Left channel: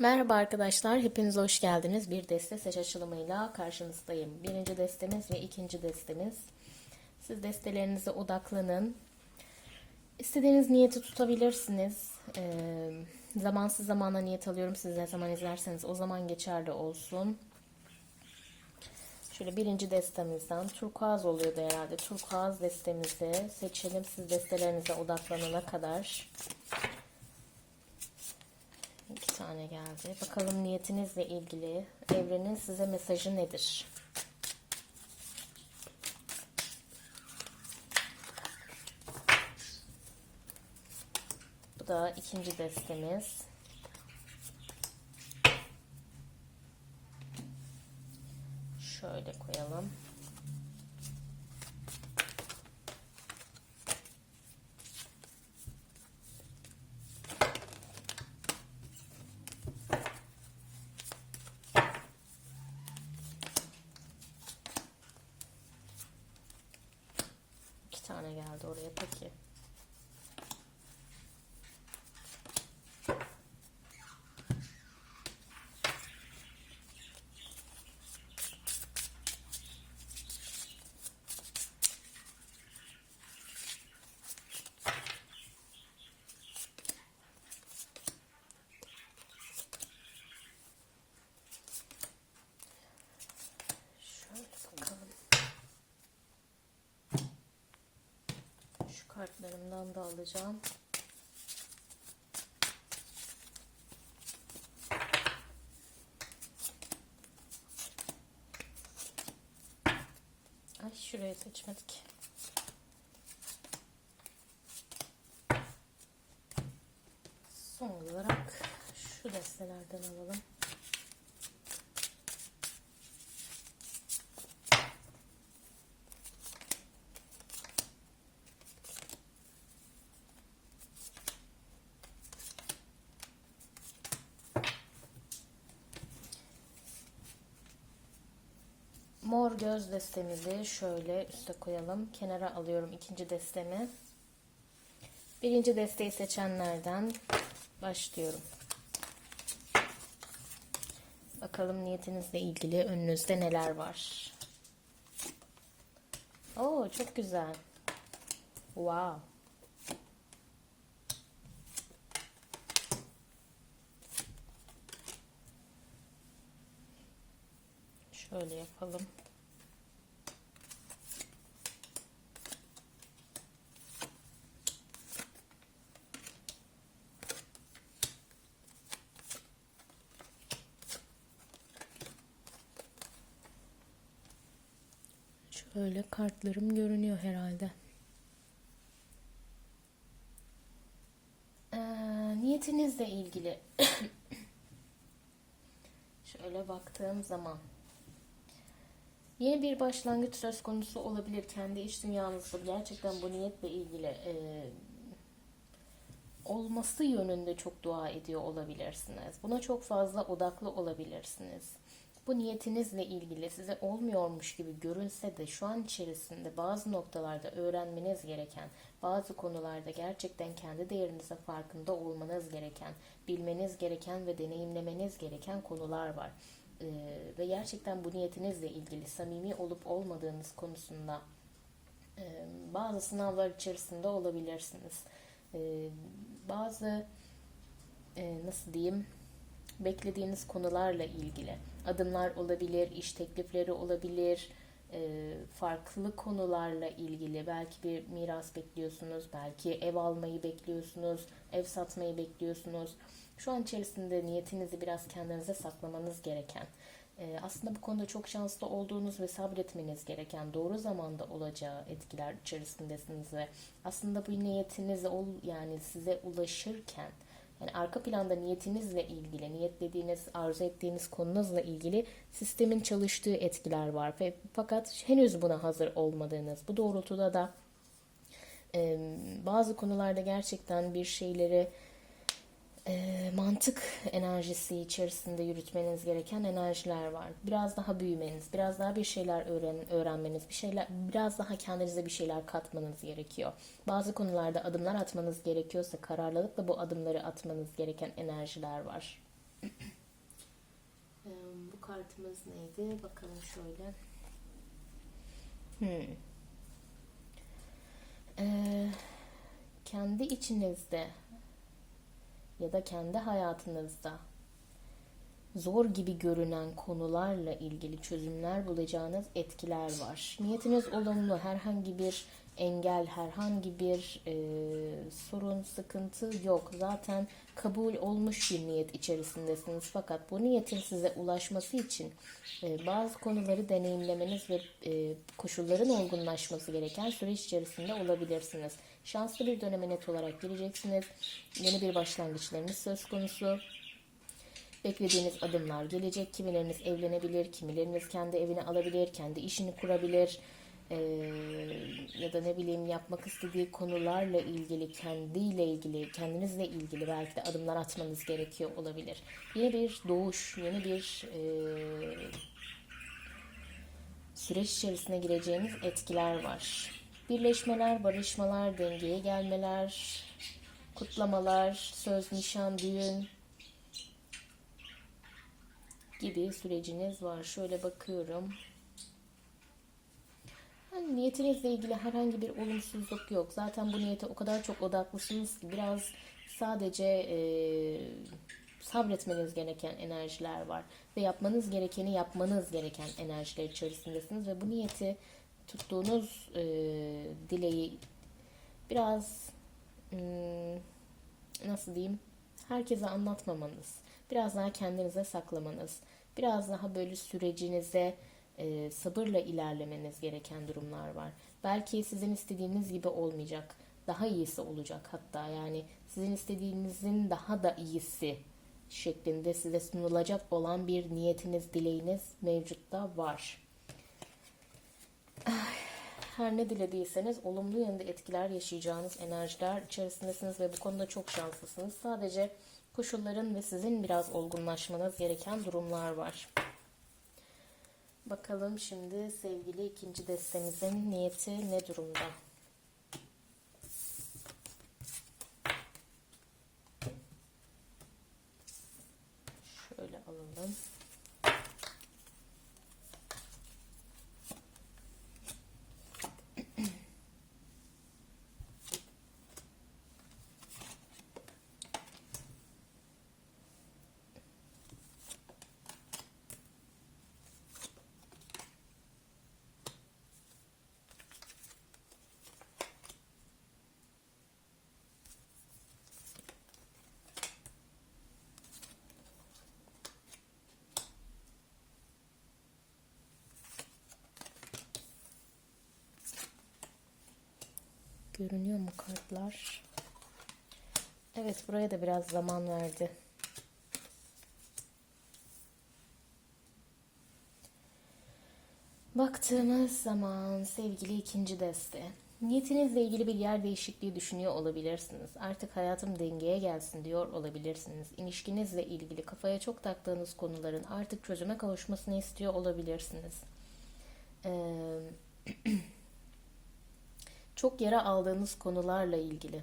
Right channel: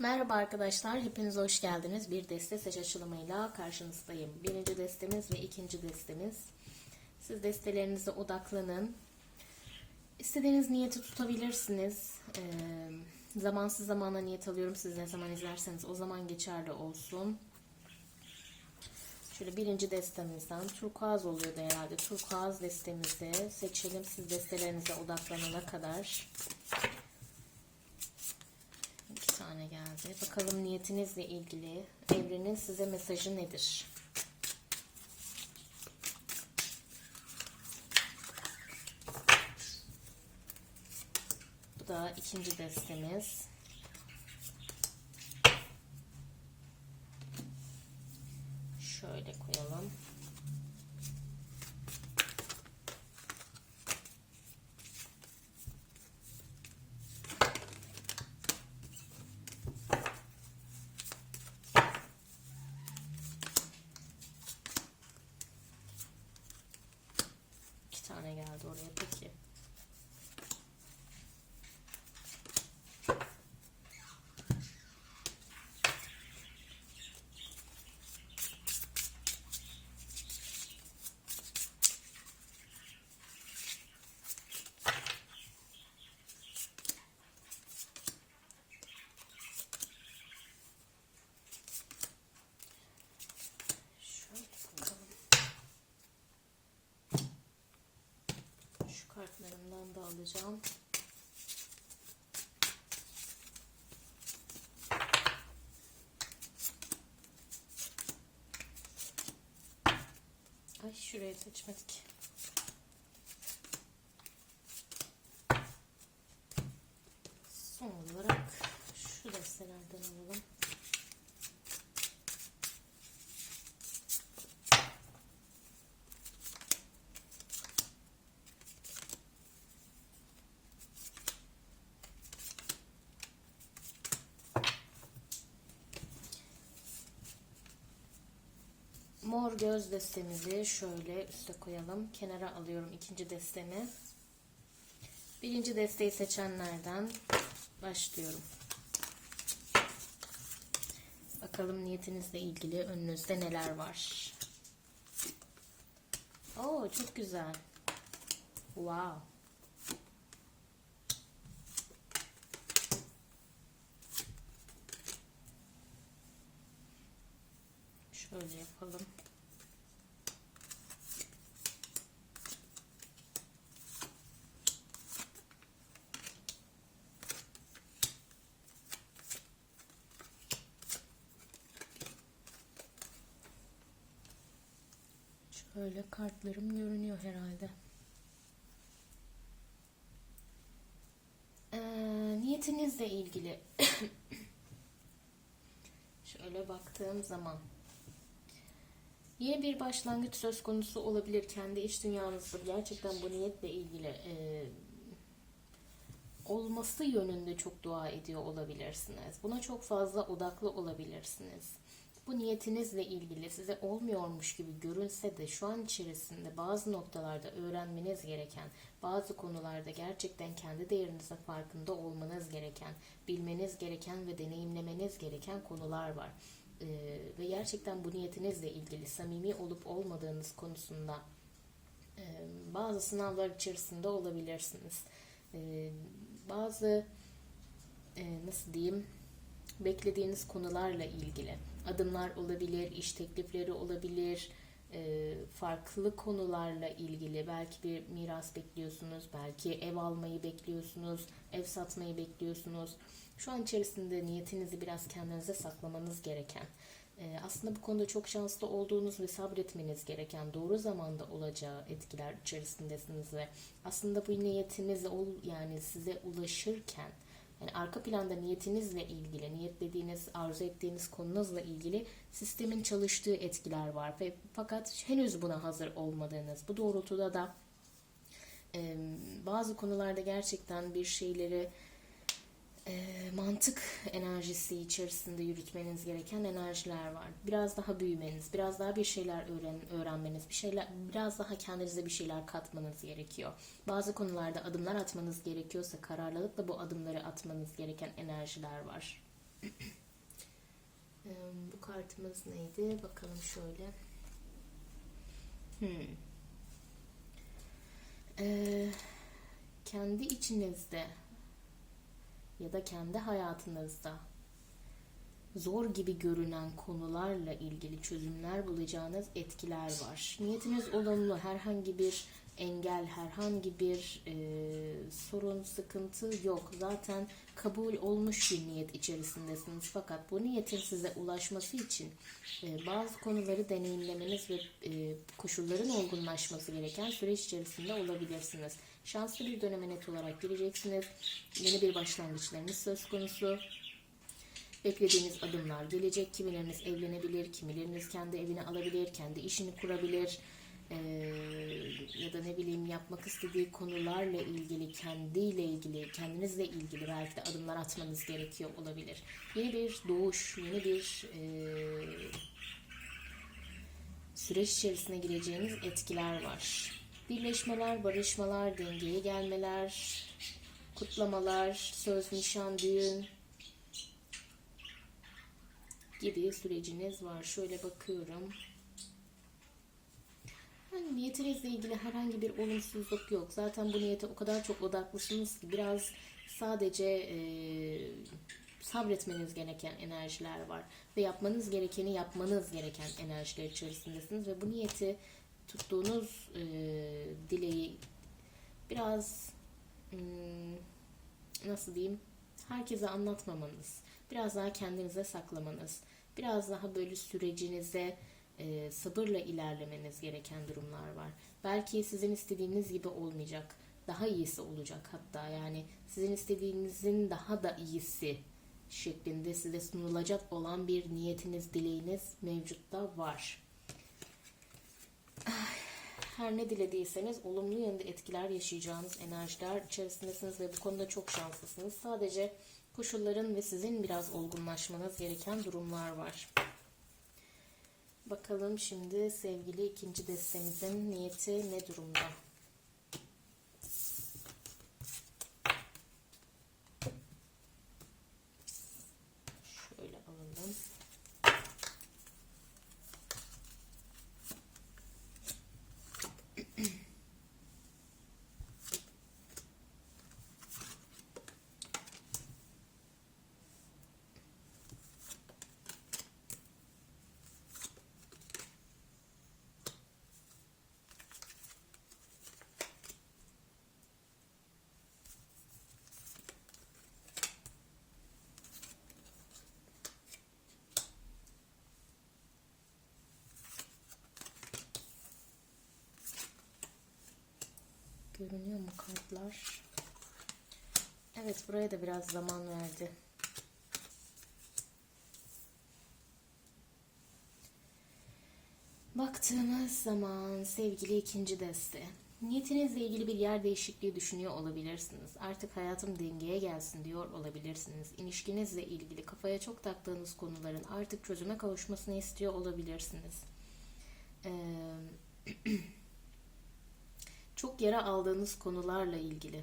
Merhaba arkadaşlar, hepiniz hoş geldiniz. Bir deste seç açılımıyla karşınızdayım. Birinci destemiz ve ikinci destemiz. Siz destelerinize odaklanın. İstediğiniz niyeti tutabilirsiniz. Ee, zamansız zamana niyet alıyorum. Siz ne zaman izlerseniz o zaman geçerli olsun. Şöyle birinci destemizden turkuaz oluyordu herhalde. Turkuaz destemizi seçelim. Siz destelerinize odaklanana kadar. İki tane geldi. Bakalım niyetinizle ilgili evrenin size mesajı nedir? Bu da ikinci destemiz. Şöyle koyalım. İki tane geldi oraya peki. Şöyle bakalım. Şu kartlarımdan da alacağım. Ay şuraya seçmedik. Son olarak şu destelerden alalım. Göz destemizi şöyle üste koyalım. Kenara alıyorum ikinci destemi. Birinci desteği seçenlerden başlıyorum. Bakalım niyetinizle ilgili önünüzde neler var. Oo çok güzel. Wow. Şöyle yapalım. Şöyle kartlarım görünüyor herhalde. Ee, niyetinizle ilgili şöyle baktığım zaman Yeni bir başlangıç söz konusu olabilir. Kendi iç dünyanızda gerçekten bu niyetle ilgili e, olması yönünde çok dua ediyor olabilirsiniz. Buna çok fazla odaklı olabilirsiniz. Bu niyetinizle ilgili size olmuyormuş gibi görünse de şu an içerisinde bazı noktalarda öğrenmeniz gereken, bazı konularda gerçekten kendi değerinizin farkında olmanız gereken, bilmeniz gereken ve deneyimlemeniz gereken konular var. Ee, ve gerçekten bu niyetinizle ilgili samimi olup olmadığınız konusunda e, bazı sınavlar içerisinde olabilirsiniz. E, bazı e, nasıl diyeyim beklediğiniz konularla ilgili adımlar olabilir, iş teklifleri olabilir, e, farklı konularla ilgili belki bir miras bekliyorsunuz, belki ev almayı bekliyorsunuz, ev satmayı bekliyorsunuz. Şu an içerisinde niyetinizi biraz kendinize saklamanız gereken, e, aslında bu konuda çok şanslı olduğunuz ve sabretmeniz gereken doğru zamanda olacağı etkiler içerisindesiniz ve aslında bu niyetiniz ol yani size ulaşırken yani arka planda niyetinizle ilgili, niyetlediğiniz, arzu ettiğiniz konunuzla ilgili sistemin çalıştığı etkiler var. Fakat henüz buna hazır olmadığınız, bu doğrultuda da bazı konularda gerçekten bir şeyleri mantık enerjisi içerisinde yürütmeniz gereken enerjiler var. Biraz daha büyümeniz, biraz daha bir şeyler öğren, öğrenmeniz, bir şeyler, biraz daha kendinize bir şeyler katmanız gerekiyor. Bazı konularda adımlar atmanız gerekiyorsa kararlılıkla bu adımları atmanız gereken enerjiler var. Bu kartımız neydi? Bakalım şöyle. Hmm. Ee, kendi içinizde ya da kendi hayatınızda zor gibi görünen konularla ilgili çözümler bulacağınız etkiler var. Niyetiniz olumlu, herhangi bir engel, herhangi bir e, sorun, sıkıntı yok. Zaten kabul olmuş bir niyet içerisindesiniz. Fakat bu niyetin size ulaşması için e, bazı konuları deneyimlemeniz ve e, koşulların olgunlaşması gereken süreç içerisinde olabilirsiniz. Şanslı bir döneme net olarak gireceksiniz. Yeni bir başlangıçlarınız söz konusu. Beklediğiniz adımlar gelecek. Kimileriniz evlenebilir, kimileriniz kendi evini alabilir, kendi işini kurabilir. Ee, ya da ne bileyim yapmak istediği konularla ilgili, kendiyle ilgili, kendinizle ilgili belki de adımlar atmanız gerekiyor olabilir. Yeni bir doğuş, yeni bir e, süreç içerisine gireceğiniz etkiler var. Birleşmeler, barışmalar, dengeye gelmeler, kutlamalar, söz, nişan, düğün, gibi süreciniz var. Şöyle bakıyorum. Yani niyetinizle ilgili herhangi bir olumsuzluk yok. Zaten bu niyete o kadar çok odaklısınız ki biraz sadece e, sabretmeniz gereken enerjiler var. Ve yapmanız gerekeni yapmanız gereken enerjiler içerisindesiniz. Ve bu niyeti tuttuğunuz e, dileği biraz hmm, nasıl diyeyim herkese anlatmamanız, biraz daha kendinize saklamanız, biraz daha böyle sürecinize e, sabırla ilerlemeniz gereken durumlar var. Belki sizin istediğiniz gibi olmayacak, daha iyisi olacak hatta yani sizin istediğinizin daha da iyisi şeklinde size sunulacak olan bir niyetiniz, dileğiniz mevcutta var. Her ne dilediyseniz olumlu yönde etkiler yaşayacağınız enerjiler içerisindesiniz ve bu konuda çok şanslısınız. Sadece koşulların ve sizin biraz olgunlaşmanız gereken durumlar var. Bakalım şimdi sevgili ikinci destemizin niyeti ne durumda? Şöyle alalım. Görünüyor mu kartlar? Evet buraya da biraz zaman verdi. Baktığımız zaman sevgili ikinci deste. Niyetinizle ilgili bir yer değişikliği düşünüyor olabilirsiniz. Artık hayatım dengeye gelsin diyor olabilirsiniz. İlişkinizle ilgili kafaya çok taktığınız konuların artık çözüme kavuşmasını istiyor olabilirsiniz. Ee, çok yara aldığınız konularla ilgili.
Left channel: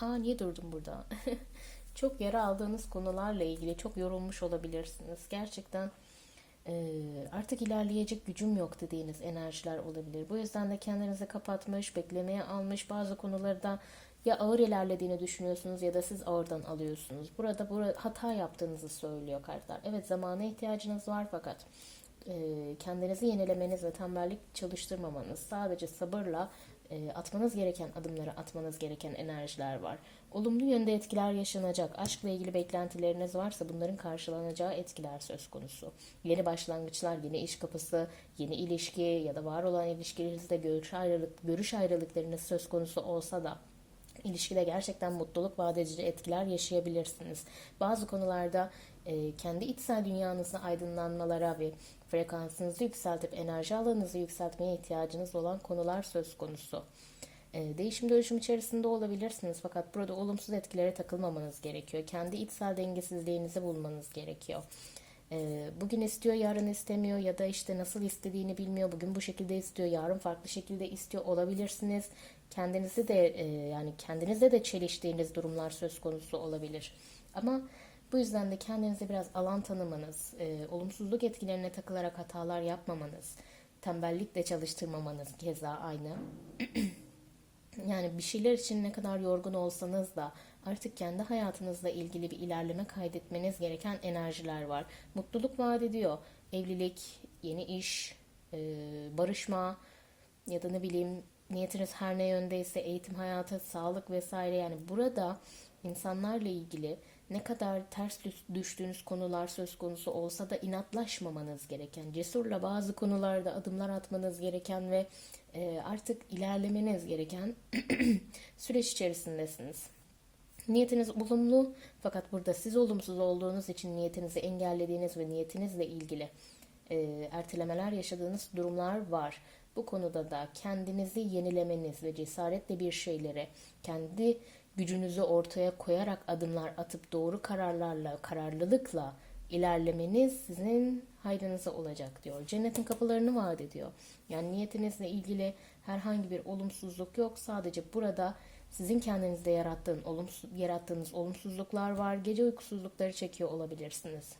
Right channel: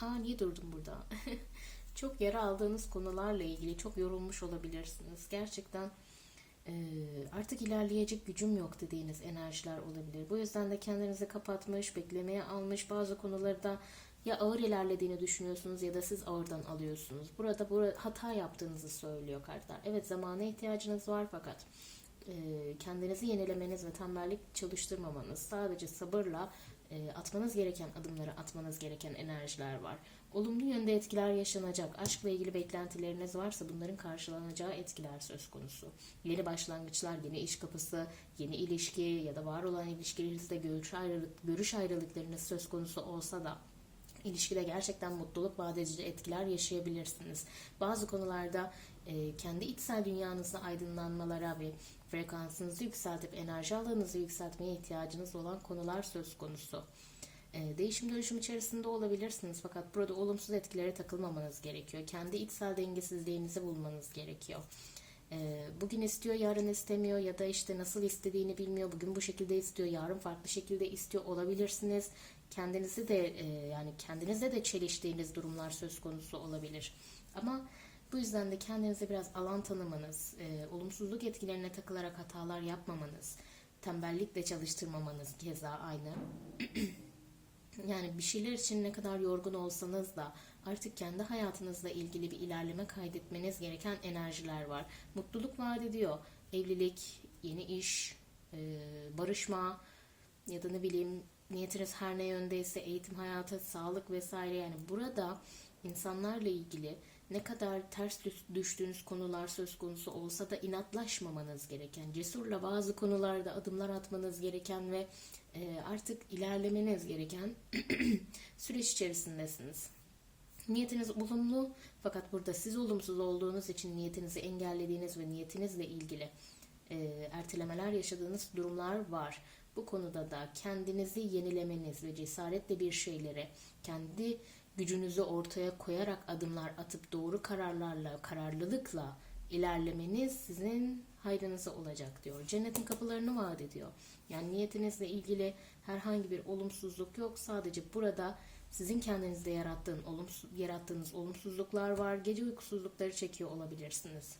Aa niye durdum burada? çok yara aldığınız konularla ilgili çok yorulmuş olabilirsiniz. Gerçekten artık ilerleyecek gücüm yok dediğiniz enerjiler olabilir. Bu yüzden de kendinizi kapatmış, beklemeye almış bazı konularda ya ağır ilerlediğini düşünüyorsunuz ya da siz ağırdan alıyorsunuz. Burada, burada hata yaptığınızı söylüyor kartlar. Evet zamana ihtiyacınız var fakat kendinizi yenilemeniz ve tembellik çalıştırmamanız, sadece sabırla e, atmanız gereken adımları atmanız gereken enerjiler var. Olumlu yönde etkiler yaşanacak. Aşkla ilgili beklentileriniz varsa bunların karşılanacağı etkiler söz konusu. Yeni başlangıçlar, yeni iş kapısı, yeni ilişki ya da var olan ilişkilerinizde görüş, ayrılık, görüş ayrılıklarınız söz konusu olsa da ilişkide gerçekten mutluluk vaat etkiler yaşayabilirsiniz. Bazı konularda e, kendi içsel dünyanızı aydınlanmalara ve frekansınızı yükseltip enerji alanınızı yükseltmeye ihtiyacınız olan konular söz konusu. E, değişim dönüşüm içerisinde olabilirsiniz fakat burada olumsuz etkilere takılmamanız gerekiyor. Kendi içsel dengesizliğinizi bulmanız gerekiyor. E, bugün istiyor, yarın istemiyor ya da işte nasıl istediğini bilmiyor. Bugün bu şekilde istiyor, yarın farklı şekilde istiyor olabilirsiniz. kendinizi de e, yani kendinizle de çeliştiğiniz durumlar söz konusu olabilir. Ama bu yüzden de kendinize biraz alan tanımanız, e, olumsuzluk etkilerine takılarak hatalar yapmamanız, tembellikle çalıştırmamanız keza aynı. Yani bir şeyler için ne kadar yorgun olsanız da artık kendi hayatınızla ilgili bir ilerleme kaydetmeniz gereken enerjiler var. Mutluluk vaat ediyor. Evlilik, yeni iş, e, barışma ya da ne bileyim niyetiniz her ne yöndeyse eğitim hayatı, sağlık vesaire yani burada insanlarla ilgili ne kadar ters düş- düştüğünüz konular söz konusu olsa da inatlaşmamanız gereken, cesurla bazı konularda adımlar atmanız gereken ve e, artık ilerlemeniz gereken süreç içerisindesiniz. Niyetiniz olumlu fakat burada siz olumsuz olduğunuz için niyetinizi engellediğiniz ve niyetinizle ilgili e, ertelemeler yaşadığınız durumlar var. Bu konuda da kendinizi yenilemeniz ve cesaretle bir şeylere kendi gücünüzü ortaya koyarak adımlar atıp doğru kararlarla, kararlılıkla ilerlemeniz sizin hayrınıza olacak diyor. Cennetin kapılarını vaat ediyor. Yani niyetinizle ilgili herhangi bir olumsuzluk yok. Sadece burada sizin kendinizde yarattığın olumsuz, yarattığınız olumsuzluklar var. Gece uykusuzlukları çekiyor olabilirsiniz.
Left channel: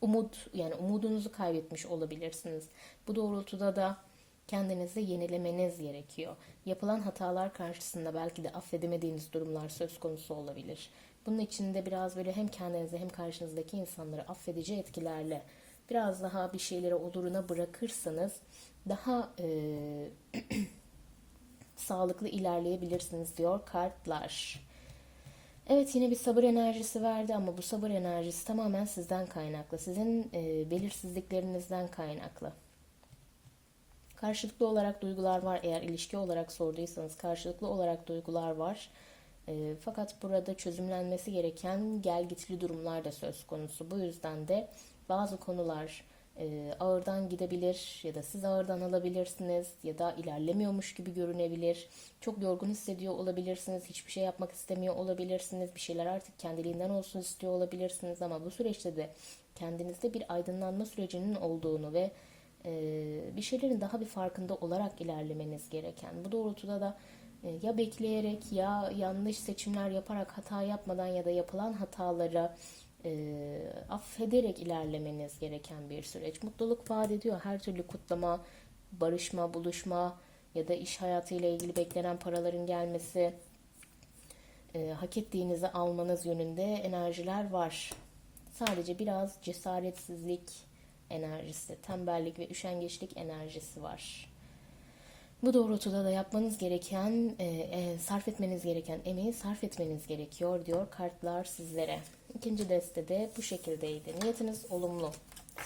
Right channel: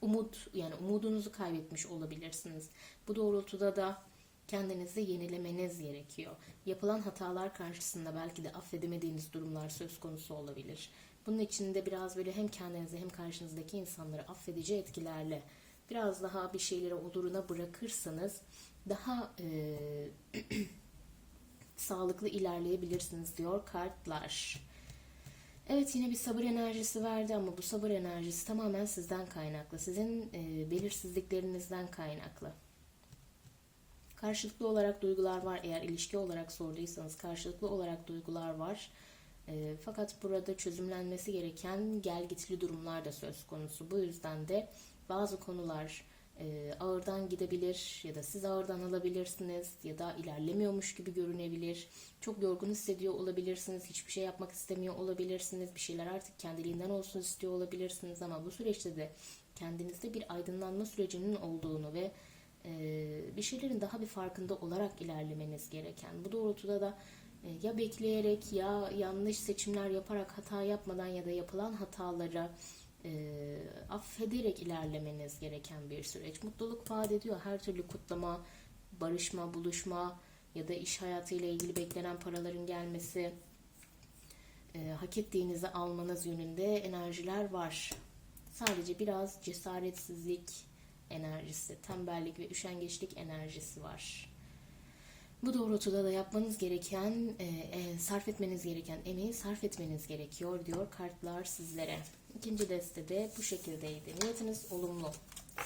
Umut yani umudunuzu kaybetmiş olabilirsiniz. Bu doğrultuda da kendinizi yenilemeniz gerekiyor. Yapılan hatalar karşısında belki de affedemediğiniz durumlar söz konusu olabilir. Bunun için de biraz böyle hem kendinizi hem karşınızdaki insanları affedici etkilerle biraz daha bir şeyleri oluruna bırakırsanız daha e, sağlıklı ilerleyebilirsiniz diyor kartlar. Evet yine bir sabır enerjisi verdi ama bu sabır enerjisi tamamen sizden kaynaklı. Sizin e, belirsizliklerinizden kaynaklı. Karşılıklı olarak duygular var. Eğer ilişki olarak sorduysanız karşılıklı olarak duygular var. E, fakat burada çözümlenmesi gereken gelgitli durumlar da söz konusu. Bu yüzden de bazı konular e, ağırdan gidebilir ya da siz ağırdan alabilirsiniz ya da ilerlemiyormuş gibi görünebilir. Çok yorgun hissediyor olabilirsiniz. Hiçbir şey yapmak istemiyor olabilirsiniz. Bir şeyler artık kendiliğinden olsun istiyor olabilirsiniz ama bu süreçte de kendinizde bir aydınlanma sürecinin olduğunu ve bir şeylerin daha bir farkında olarak ilerlemeniz gereken. Bu doğrultuda da e, ya bekleyerek ya yanlış seçimler yaparak hata yapmadan ya da yapılan hatalara e, affederek ilerlemeniz gereken bir süreç. Mutluluk vaat ediyor. Her türlü kutlama, barışma, buluşma ya da iş hayatıyla ilgili beklenen paraların gelmesi, e, hak ettiğinizi almanız yönünde enerjiler var. Sadece biraz cesaretsizlik enerjisi, tembellik ve üşengeçlik enerjisi var. Bu doğrultuda da yapmanız gereken, e, e, sarf etmeniz gereken emeği sarf etmeniz gerekiyor diyor kartlar sizlere. İkinci destede bu şekildeydi. Niyetiniz olumlu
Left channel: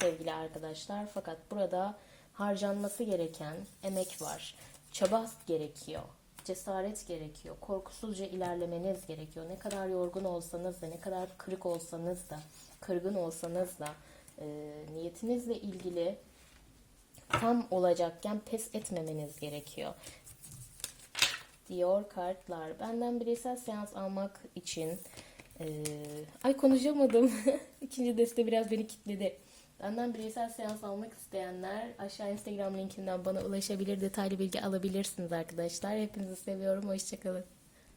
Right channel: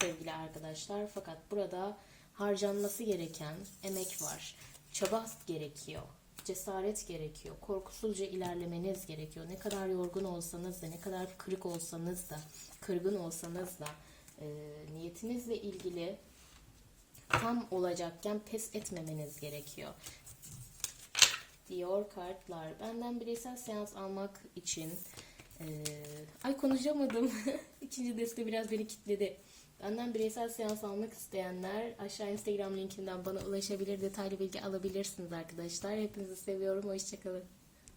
sevgili arkadaşlar. Fakat burada harcanması gereken emek var. Çaba gerekiyor. Cesaret gerekiyor. Korkusuzca ilerlemeniz gerekiyor. Ne kadar yorgun olsanız da, ne kadar kırık olsanız da, kırgın olsanız da e, niyetinizle ilgili tam olacakken pes etmemeniz gerekiyor. Diyor kartlar. Benden bireysel seans almak için ee, ay konuşamadım. İkinci deste biraz beni kilitledi. Benden bireysel seans almak isteyenler aşağı Instagram linkinden bana ulaşabilir. Detaylı bilgi alabilirsiniz arkadaşlar. Hepinizi seviyorum. Hoşçakalın.